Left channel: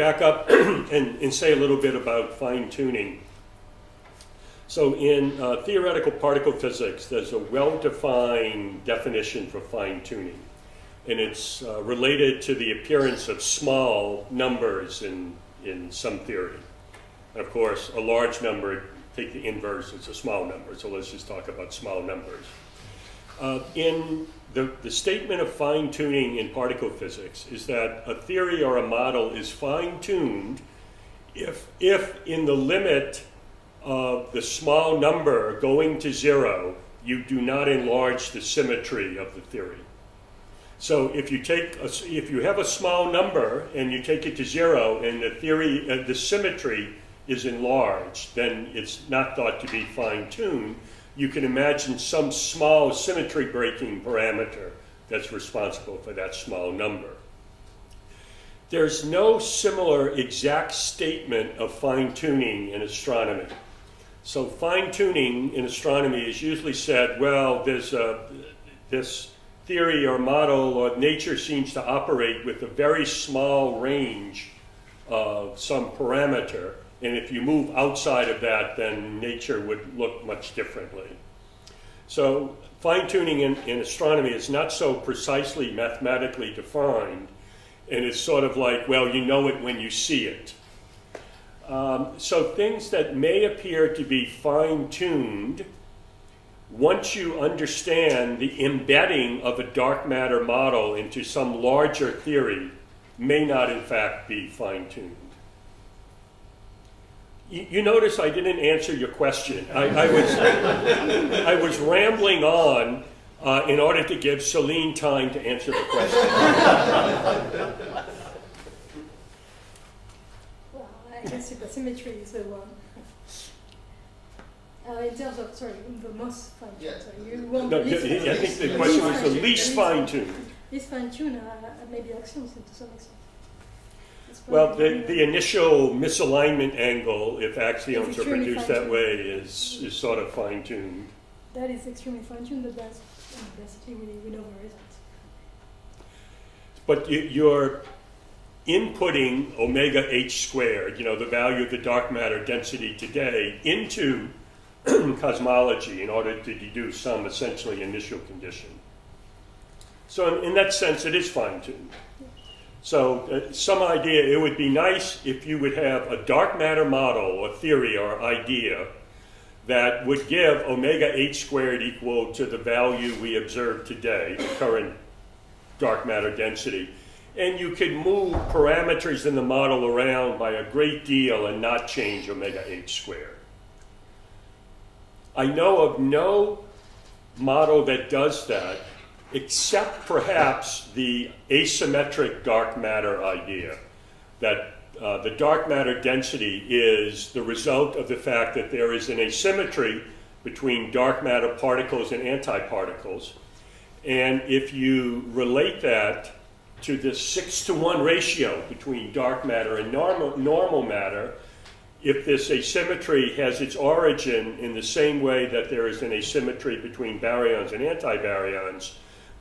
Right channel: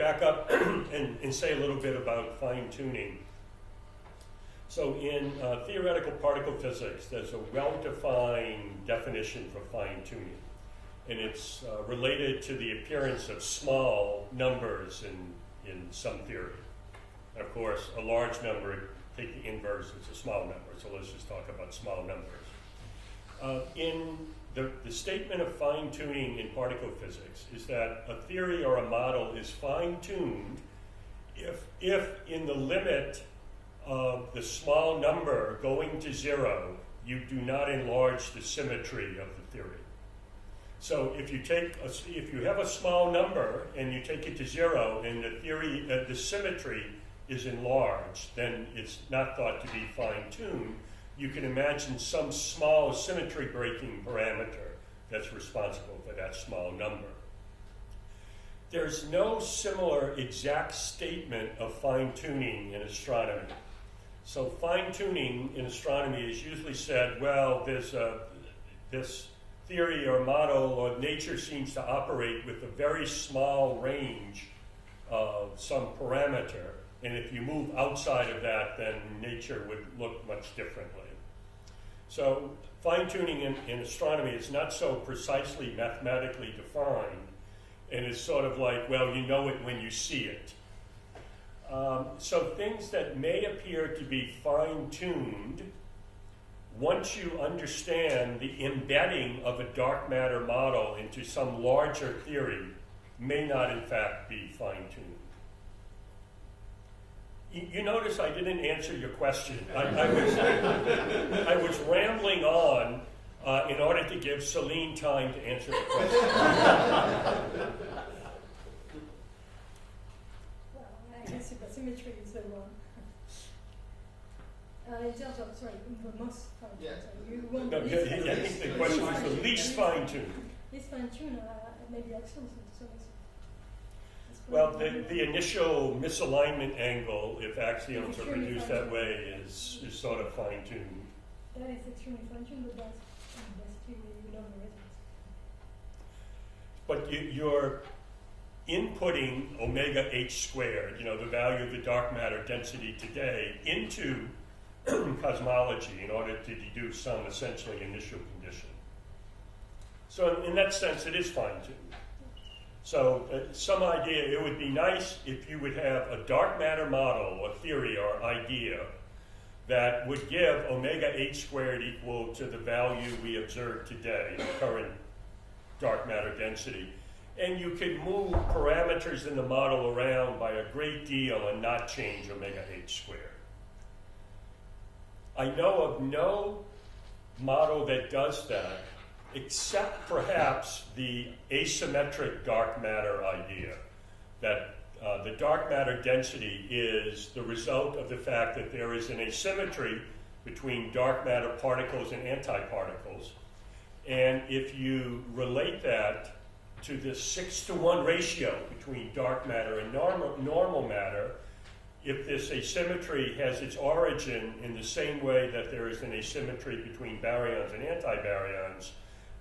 back up and say a little bit about fine-tuning. So in theoretical particle physics, there's a well-defined definition for fine-tuning. And it's related to the appearance of small numbers in some theory. Of course, a large number, take the inverse, it's a small number. So let's just talk about small numbers. In the statement of fine-tuning in particle physics is that a theory or a model is fine-tuned if in the limit of the small number going to zero, you do not enlarge the symmetry of the theory. So if you have a small number and you take it to zero and the theory, the symmetry is enlarged, then it's not thought to be fine-tuned. You can imagine some small symmetry breaking parameter that's responsible for that small number. There's no similar exact statement of fine-tuning in astronomy. So fine-tuning in astronomy is usually said, well, there's this theory or model or nature seems to operate with a very small range of some parameter, and if you move outside of that, then nature would look much differently. So fine-tuning in astronomy is not so precisely mathematically defined, and it's sort of like, well, you know it when you see it. So things that may appear to be fine-tuned, once you understand the embedding of a dark matter model into some larger theory, may not in fact be fine-tuned. You notice I didn't answer your question. I was rambling on in order to give Celine time to answer the question. Well, I guess supersymmetry is the one. In terms of, sorry, the most fine-tuned. Yeah. So you want No, I think the question was the least fine-tuned. Least fine-tuned, maybe axioms to some extent. Well, the initial misalignment angle, if axioms are produced that way, is sort of fine-tuned. That is extremely fine-tuned, but that's basically we know the results. But you're inputting omega h squared, you know, the value of the dark matter density today, into cosmology in order to deduce some essentially initial condition. So in that sense, it is fine-tuned. So some idea, it would be nice if you would have a dark matter model or theory or idea that would give omega h squared equal to the value we observe today, the current dark matter density. And you could move parameters in the model around by a great deal and not change omega h squared. I know of no model that does that, except perhaps the asymmetric dark matter idea, that the dark matter density is the result of the fact that there is an asymmetry between dark matter particles and antiparticles. And if you relate that to this 6-to-1 ratio between dark matter and normal matter, if this asymmetry has its origin in the same way that there is an asymmetry between baryons and antibaryons,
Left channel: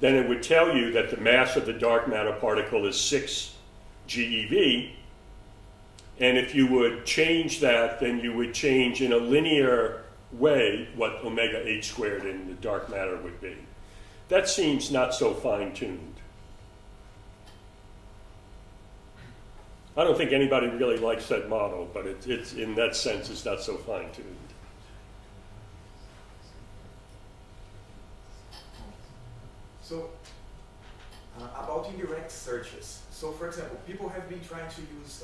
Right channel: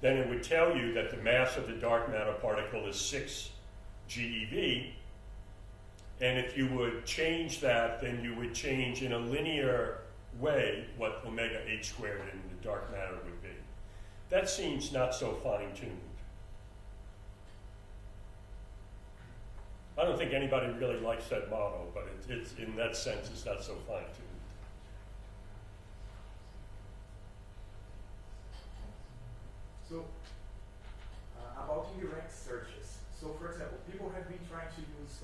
then it would tell you that the mass of the dark matter particle is 6 GeV. And if you would change that, then you would change in a linear way what omega h squared in the dark matter would be. That seems not so fine-tuned. I don't think anybody really likes that model, but it's in that sense, it's not so fine-tuned. So, about indirect searches. So, for example, people have been trying to use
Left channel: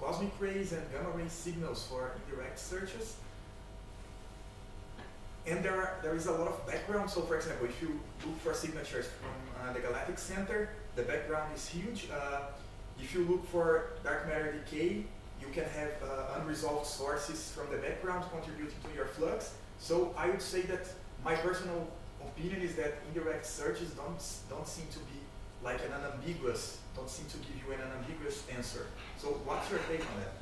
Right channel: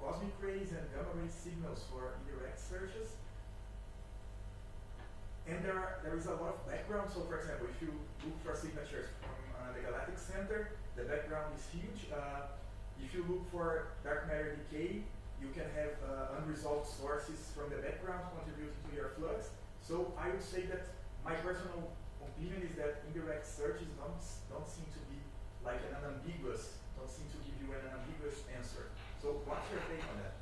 cosmic rays and gamma ray signals for indirect searches. And there is a lot of background. So, for example, if you look for signatures from the galactic center, the background is huge. If you look for dark matter decay, you can have unresolved sources from the background contributing to your flux. So I would say that my personal opinion is that indirect searches don't seem to be like don't seem to give you an unambiguous answer. So what's your take on that?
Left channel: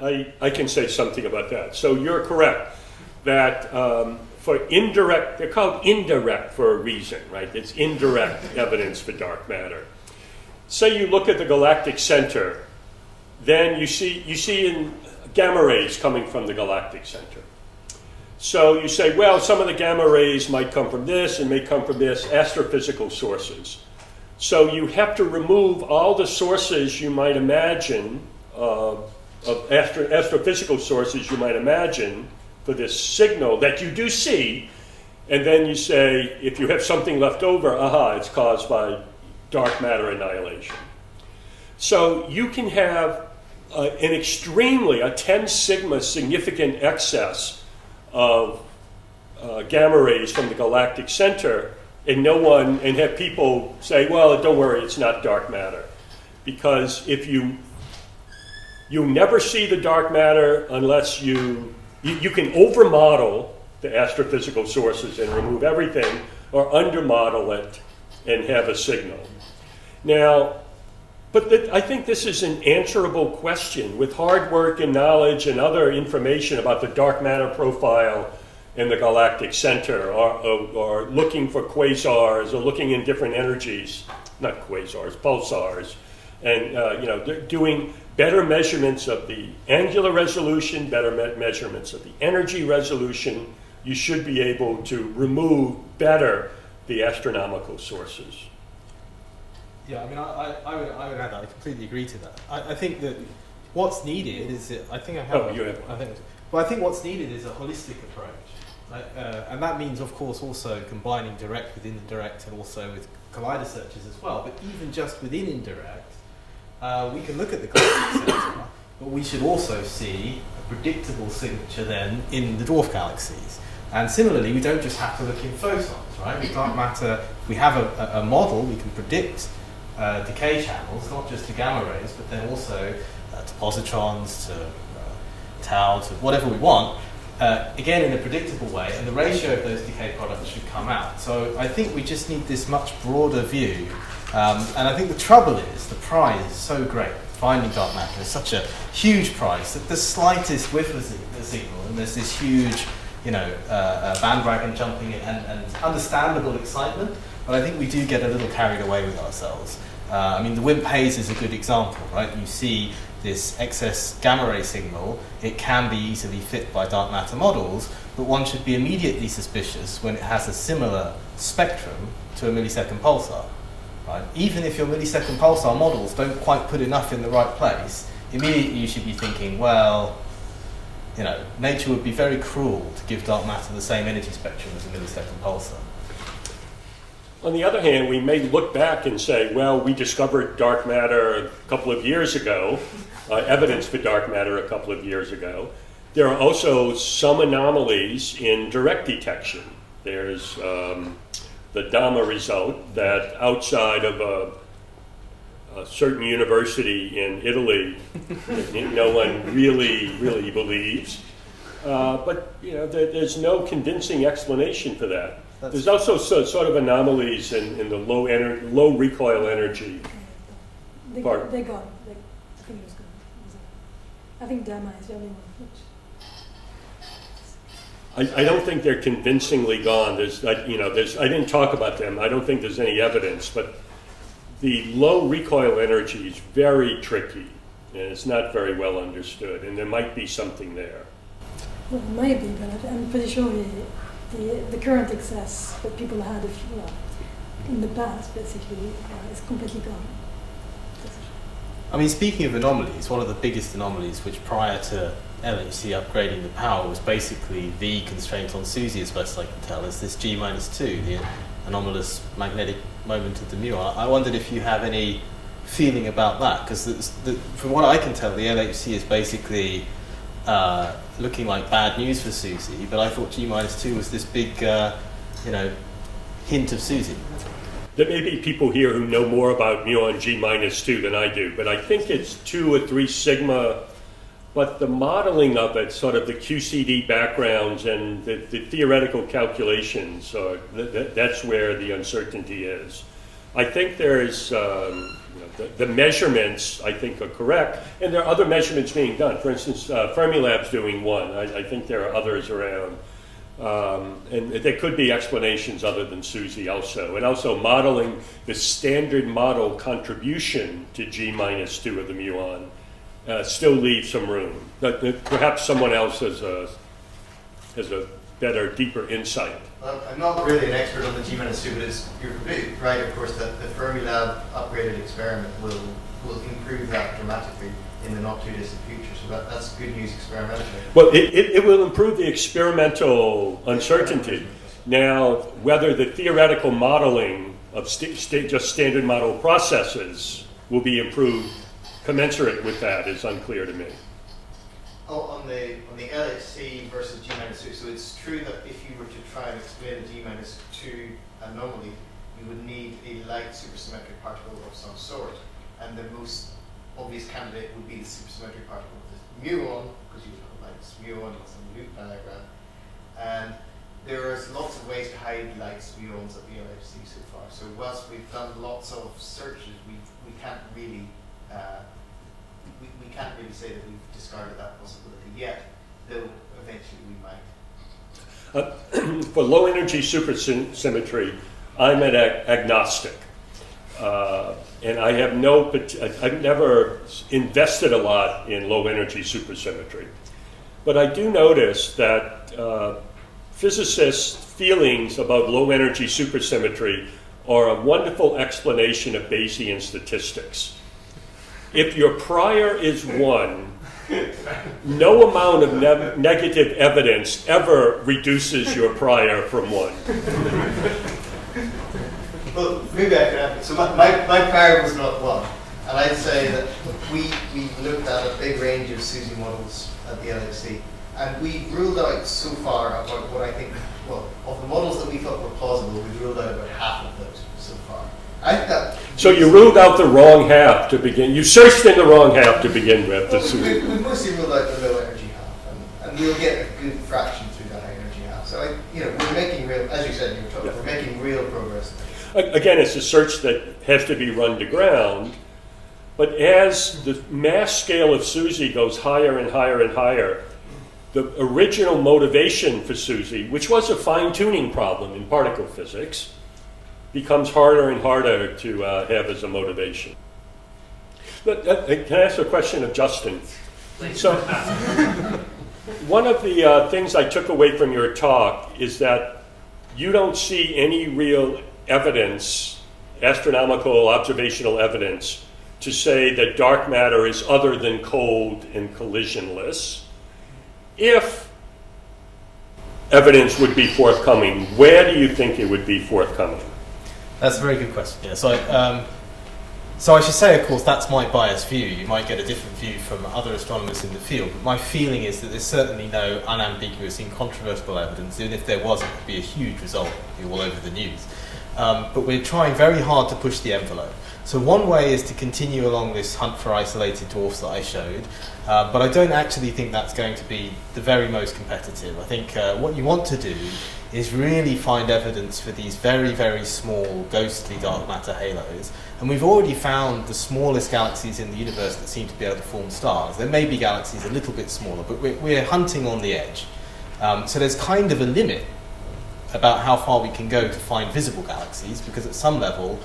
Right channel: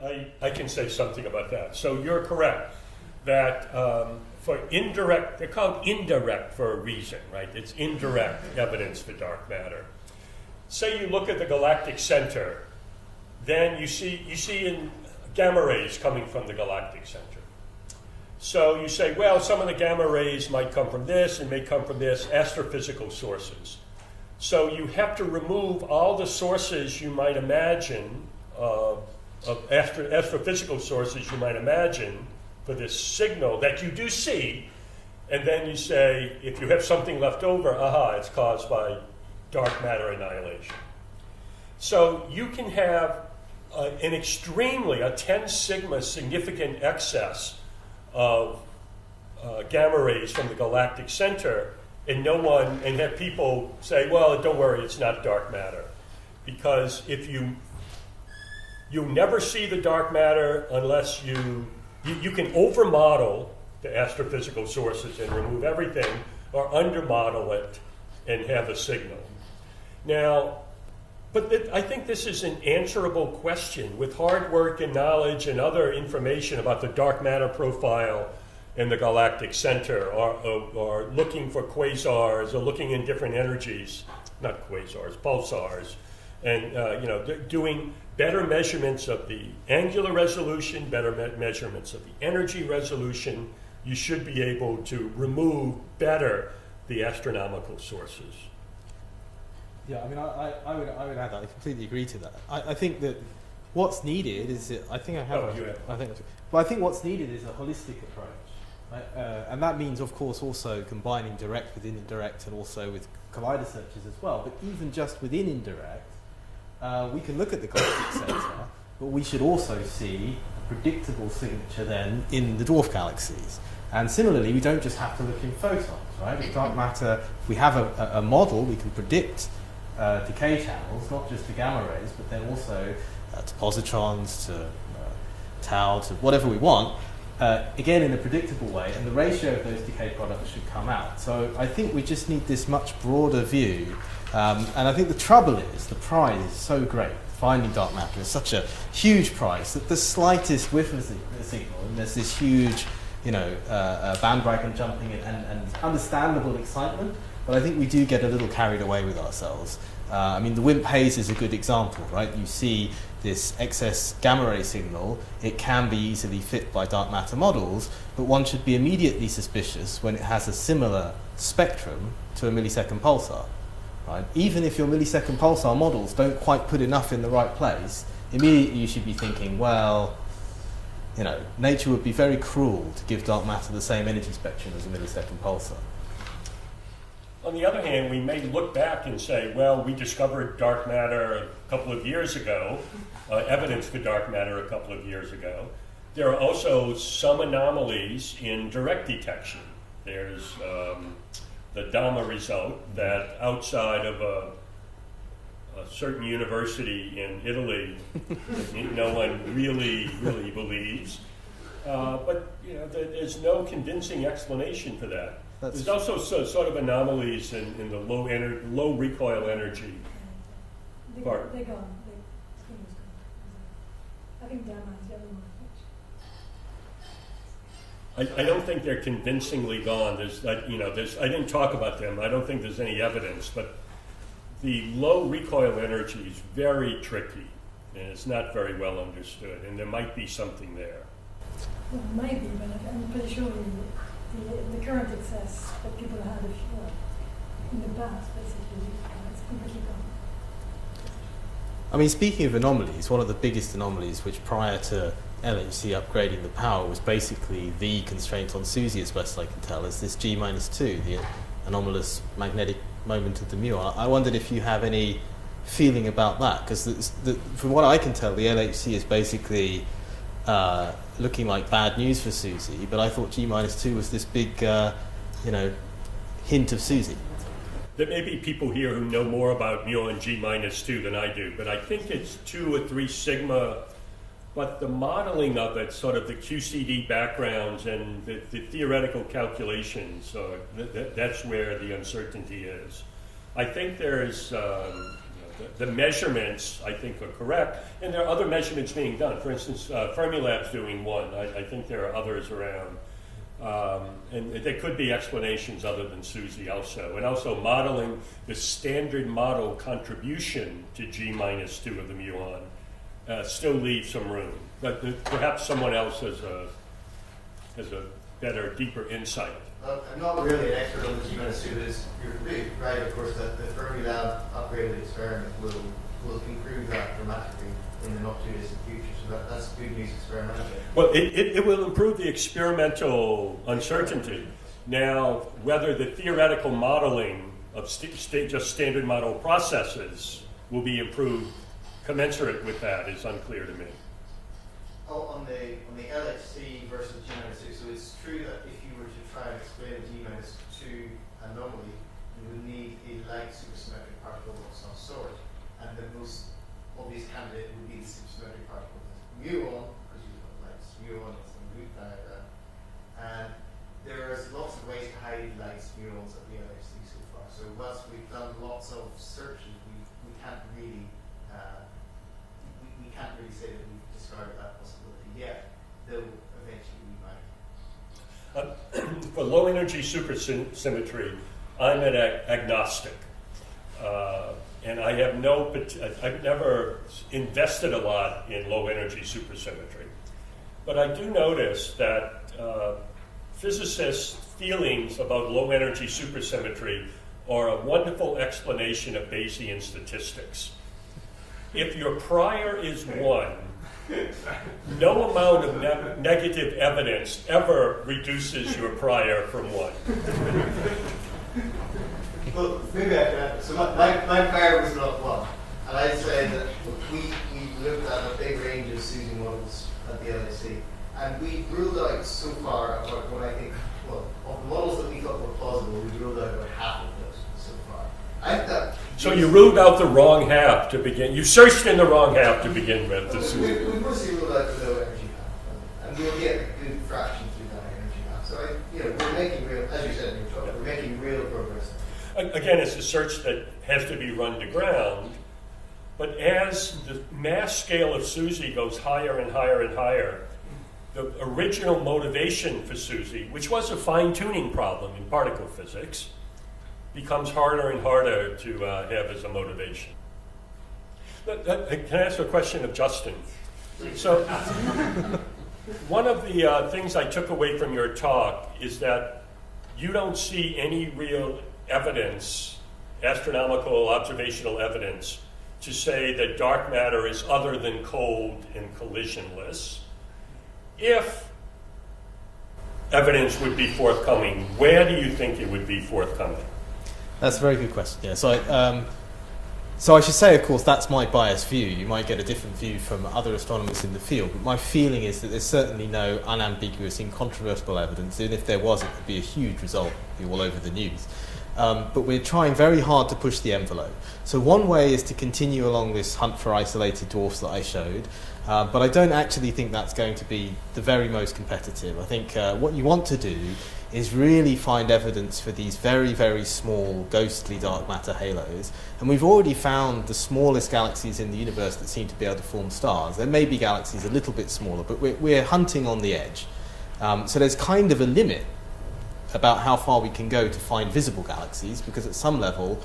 Well, I can say something about that. So you're correct that for indirect, they're called indirect for a reason, right? It's indirect evidence for dark matter. say you look at the galactic center, then you see in gamma rays coming from the galactic center. So you say, well, some of the gamma rays might come from this and may come from this, astrophysical sources. So you have to remove all the sources you might imagine, of astrophysical sources you might imagine for this signal that you do see, and then you say, if you have something left over, aha, it's caused by dark matter annihilation. So you can have a 10 sigma significant excess of gamma rays from the galactic center, and have people say, well, don't worry, it's not dark matter. Because if you never see the dark matter unless you can overmodel the astrophysical sources and remove everything, or undermodel it and have a signal. Now, I think this is an answerable question with hard work and knowledge and other information about the dark matter profile in the galactic center, or looking for quasars, or looking in different energies, not quasars, pulsars, and doing better measurements of the angular resolution, better measurements of the energy resolution. You should be able to remove better the astronomical sources. Yeah, I mean, I would add that. I completely agree to that. I think that what's needed is I think what's needed is a holistic approach, right? And that means, of course, also combining direct with indirect, and also with collider searches as well. But even just within indirect, we can look at the galactic center, but we should also see a predictable signature then in the dwarf galaxies. And similarly, we don't just have to look in photons, right? With dark matter, if we have a model, we can predict decay channels, not just to gamma rays, but then also to positrons, to tau, to whatever we want, again in a predictable way, and the ratio of those decay products should come out. So I think we just need this much broader view, and I think the trouble is, the prize is so great. Finding dark matter is such a huge prize that the slightest whiff of a signal, and there's this huge bandwagon jumping and understandable excitement, but I think we do get a little carried away with ourselves. I mean, the WIMP haze is a good example, right? You see this excess gamma ray signal, it can be easily fit by dark matter models, but one should be immediately suspicious when it has a similar spectrum to a millisecond pulsar, right? Even if your millisecond pulsar models don't quite put enough in the right place, immediately you should be thinking, well, nature would be very cruel to give dark matter the same energy spectrum as a millisecond pulsar. On the other hand, we may look back and say, well, we discovered dark matter a couple of years ago, evidence for dark matter a couple of years ago. There are also some anomalies in direct detection. There's the DAMA result that outside of a certain university in Italy, no one really believes. But there's no convincing explanation for that. There's also sort of anomalies in the low recoil energy part. They're gone. I think it was gone. I think DAMA is the only one. I don't think they're convincingly gone. I didn't talk about them. I don't think there's any evidence, but the low recoil energy is very tricky, and it's not very well understood, and there might be something there. Well, maybe, but I'm pretty sure the current excess that people had in the past, basically, is completely gone. I mean, speaking of anomalies, one of the biggest anomalies, which prior to LHC upgrading the power was basically the constraint on SUSY, as best I can tell, is this G-2, the anomalous magnetic moment of the muon. I wondered if you have any feeling about that, because from what I can tell, the LHC is basically looking like bad news for SUSY, but I thought G-2 was this big, hint of SUSY. There may be people here who know more about muon G-2 than I do, but I think it's 2 or 3 sigma. But the modeling of it, sort of the QCD backgrounds and the theoretical calculations, that's where the uncertainty is. I think there's the measurements, I think, are correct, and there are other measurements being done. For instance, Fermilab's doing one. I think there are others around. And there could be explanations other than SUSY also. And also modeling the standard model contribution to G minus 2 of the muon still leaves some room. But perhaps someone else has a better, deeper insight. Well, I'm not really an expert on the G minus 2, but you're completely right, of course, that the Fermilab upgraded experiment will improve that dramatically in the not too distant future. So that's good news experimentally. Well, it will improve the experimental uncertainty. Now, whether the theoretical modeling of just standard model processes will be improved commensurate with that is unclear to me. Oh, on the LHC versus G minus 2, so it's true that if you were to try and explain a G minus 2 anomaly, you would need a light supersymmetric particle of some sort, and the most obvious candidate would be the supersymmetric particle of the muon, because you would have lights muon on some loop diagram. And there's lots of ways to hide lights muons at the LHC so far. So whilst we've done lots of searches, we can't really we can't really say that we've discarded that possibility yet, though eventually we might. For low energy supersymmetry, I'm an agnostic. And I have I've never invested a lot in low energy supersymmetry. But I do notice that physicists' feelings about low energy supersymmetry are a wonderful explanation of Bayesian statistics. If your prior is 1, no amount of negative evidence ever reduces your prior from 1. Well, maybe I can add. So my prior was not 1. And I'd say that we looked at a big range of SUSY models at the LHC. And we ruled out so far about what I think, well, of the models that we thought were plausible, we ruled out about half of those so far. I think that. So you ruled out the wrong half to begin. You searched in the wrong half to begin with. Well, we mostly ruled out the low energy half, and we'll get a good fraction through that high energy half. So we're making real, as you said in your talk, we're making real progress. Again, it's a search that has to be run to ground. But as the mass scale of SUSY goes higher and higher and higher, the original motivation for SUSY, which was a fine-tuning problem in particle physics, becomes harder and harder to have as a motivation. But, can I ask a question of Justin? Please. So, one of the things I took away from your talk is that you don't see any real evidence, astronomical observational evidence, to say that dark matter is other than cold and collisionless. If evidence would be forthcoming, where do you think it would be forthcoming? That's a very good question. Yeah. So I should say, of course, that's my biased view. You might get a different view from other astronomers in the field, but my feeling is that there's certainly no unambiguous, incontrovertible evidence. Even if there was, it would be a huge result all over the news. But we're trying very hard to push the envelope. So one way is to continue along this hunt for isolated dwarfs that I showed, but I don't actually think that's going to be the very most competitive. I think what you want to do is really find evidence for these very, very small, ghostly dark matter halos. And we've already found the smallest galaxies in the universe that seem to be able to form stars. There may be galaxies a little bit smaller, but we're hunting on the edge. So there's kind of a limit about how far we can go to find visible galaxies, because at some level,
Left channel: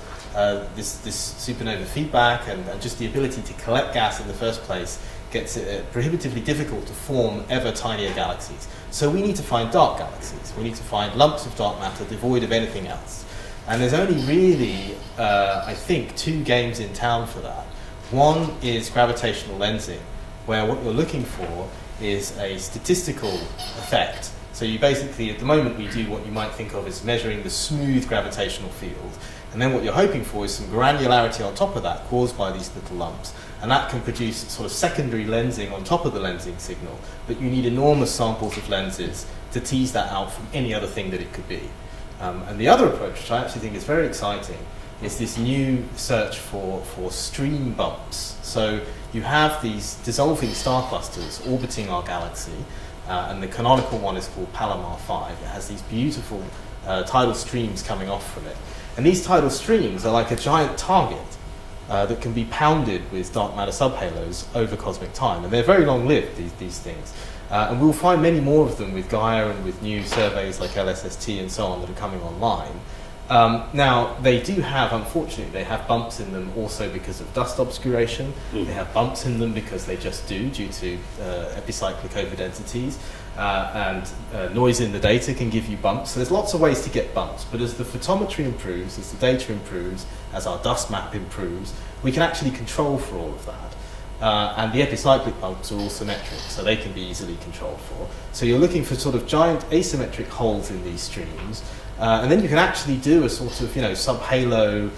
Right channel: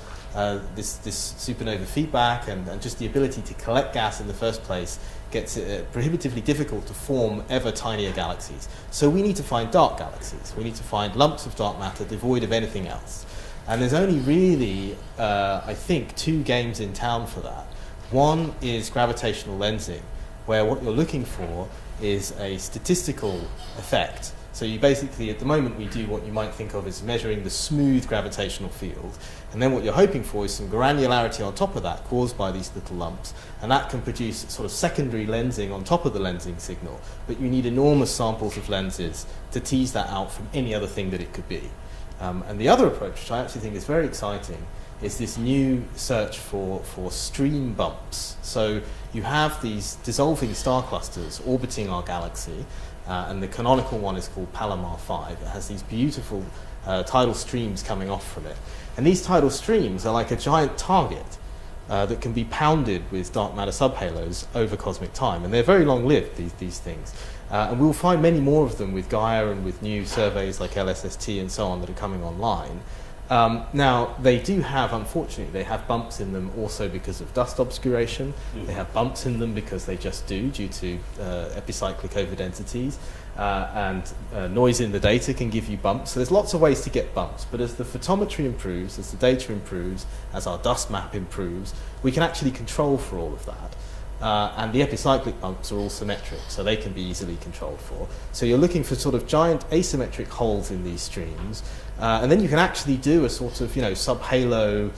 this supernova feedback and just the ability to collect gas in the first place gets it prohibitively difficult to form ever tinier galaxies. So we need to find dark galaxies. We need to find lumps of dark matter devoid of anything else. And there's only really, I think, 2 games in town for that. One is gravitational lensing, where what you're looking for is a statistical effect. So you basically, at the moment, we do what you might think of as measuring the smooth gravitational field. And then what you're hoping for is some granularity on top of that caused by these little lumps. And that can produce sort of secondary lensing on top of the lensing signal. But you need enormous samples of lenses to tease that out from any other thing that it could be. And the other approach, which I actually think is very exciting, is this new search for stream bumps. So you have these dissolving star clusters orbiting our galaxy. And the canonical one is called Palomar 5. It has these beautiful tidal streams coming off from it. And these tidal streams are like a giant target that can be pounded with dark matter subhalos over cosmic time. And they're very long-lived, these things. And we'll find many more of them with Gaia and with new surveys like LSST and so on that are coming online. Now, they do have, unfortunately, they have bumps in them also because of dust obscuration. They have bumps in them because they just do, due to epicyclic overdensities. And noise in the data can give you bumps. So there's lots of ways to get bumps. But as the photometry improves, as the data improves, as our dust map improves, we can actually control for all of that. And the epicyclic bumps are all symmetric, so they can be easily controlled for. So you're looking for sort of giant asymmetric holes in these streams. And then you can actually do a sort of, sub-halo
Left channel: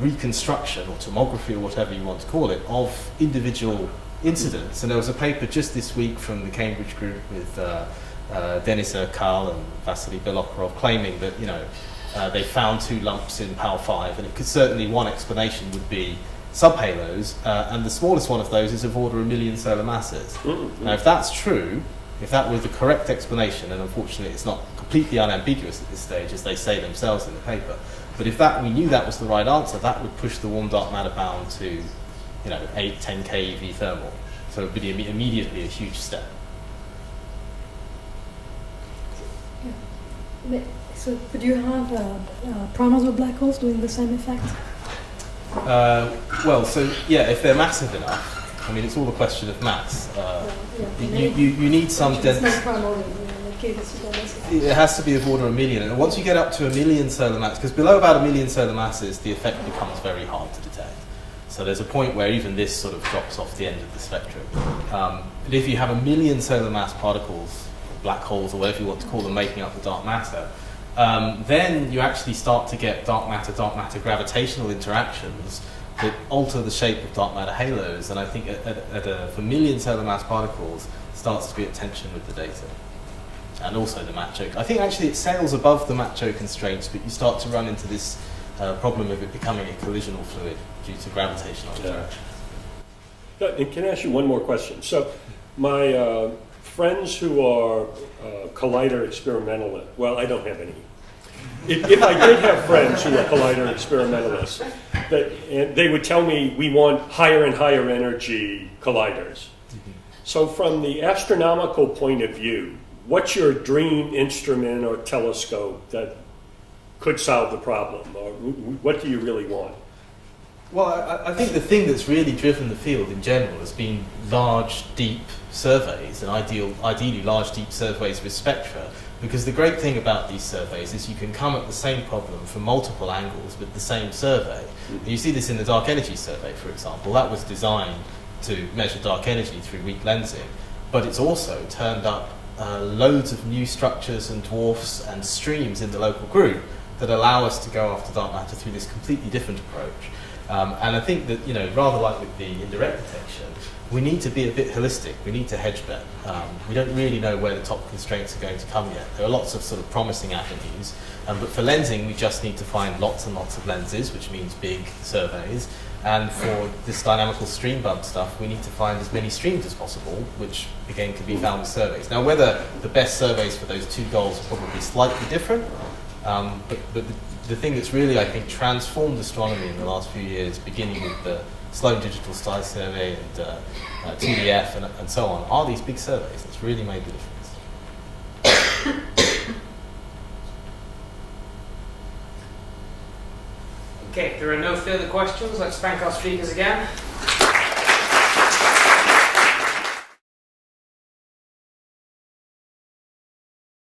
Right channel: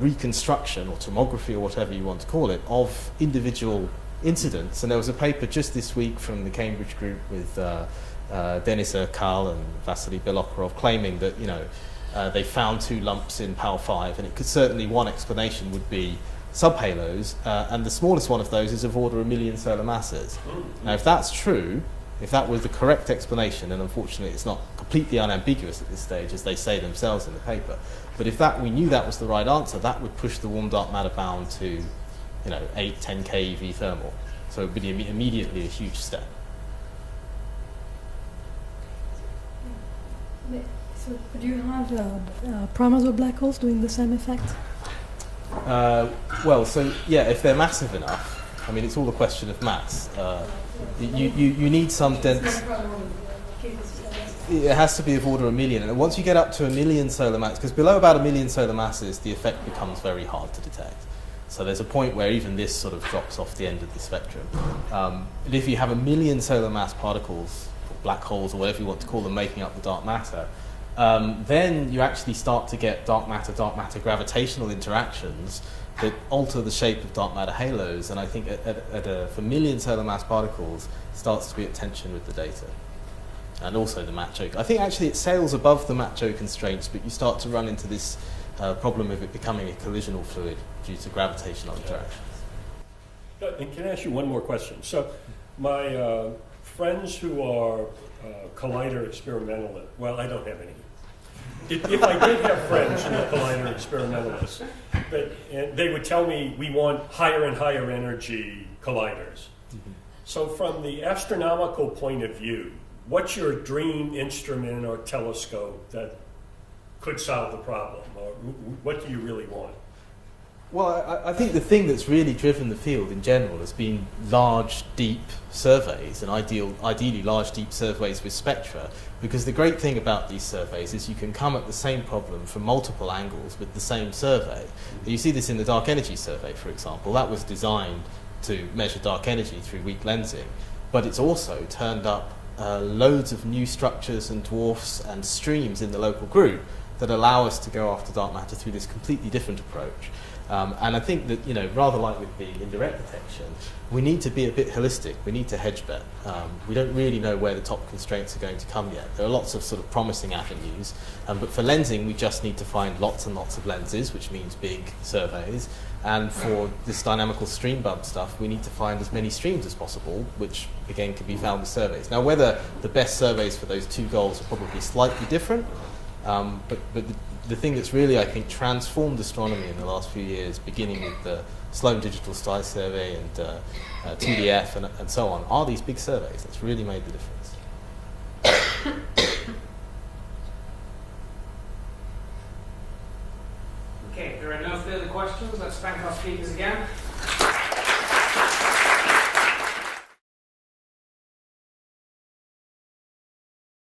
reconstruction or tomography or whatever you want to call it of individual incidents. And there was a paper just this week from the Cambridge group with Denys and Vasily Belokorov claiming that, they found 2 lumps in PAL 5, and it could certainly, one explanation would be subhalos, and the smallest one of those is of order 1 million solar masses. Now, if that's true, if that was the correct explanation, and unfortunately it's not completely unambiguous at this stage, as they say themselves in the paper, but if we knew that was the right answer, that would push the warm dark matter bound to 8, 10 keV thermal. So it would be immediately a huge step. So could you have primers of black holes doing the same effect? Well, so yeah, if they're massive enough, I mean, it's all a question of mass. You need some dense. It has to be of order 1 million, and once you get up to 1 million solar masses, because below about 1 million solar masses, the effect becomes very hard to detect. So there's a point where even this sort of drops off the end of the spectrum. But if you have 1 million solar mass particles, black holes, or whatever you want to call them, making up the dark matter, then you actually start to get dark matter gravitational interactions that alter the shape of dark matter halos. And I think for 1 million solar mass particles, starts to be at tension with the data. And also the Macho. I think actually it sails above the Macho constraints, but you start to run into this problem of it becoming a collisional fluid due to gravitational interactions. And can I ask you one more question? So my friends who are collider experimentalists, well, I don't have any. If I did have friends who are collider experimentalists, they would tell me we want higher and higher energy colliders. So from the astronomical point of view, what's your dream instrument or telescope that could solve the problem? Or what do you really want? Well, I think the thing that's really driven the field in general has been large, deep surveys, and ideally large, deep surveys with spectra, because the great thing about these surveys is you can come at the same problem from multiple angles with the same survey. You see this in the dark energy survey, for example. That was designed to measure dark energy through weak lensing, but it's also turned up loads of new structures and dwarfs and streams in the local group that allow us to go after dark matter through this completely different approach. And I think that, rather like with the indirect detection, we need to be a bit holistic. We need to hedge bet. We don't really know where the top constraints are going to come yet. There are lots of sort of promising avenues, but for lensing, we just need to find lots and lots of lenses, which means big surveys. And for this dynamical stream bump stuff, we need to find as many streams as possible, which again can be found with surveys. Now, whether the best surveys for those 2 goals are probably slightly different, but the thing that's really, I think, transformed astronomy in the last few years, beginning with the Sloan Digital Sky Survey and 2DF and so on, are these big surveys. That's really made the difference. Okay, if there are no further questions, let's thank our speakers again.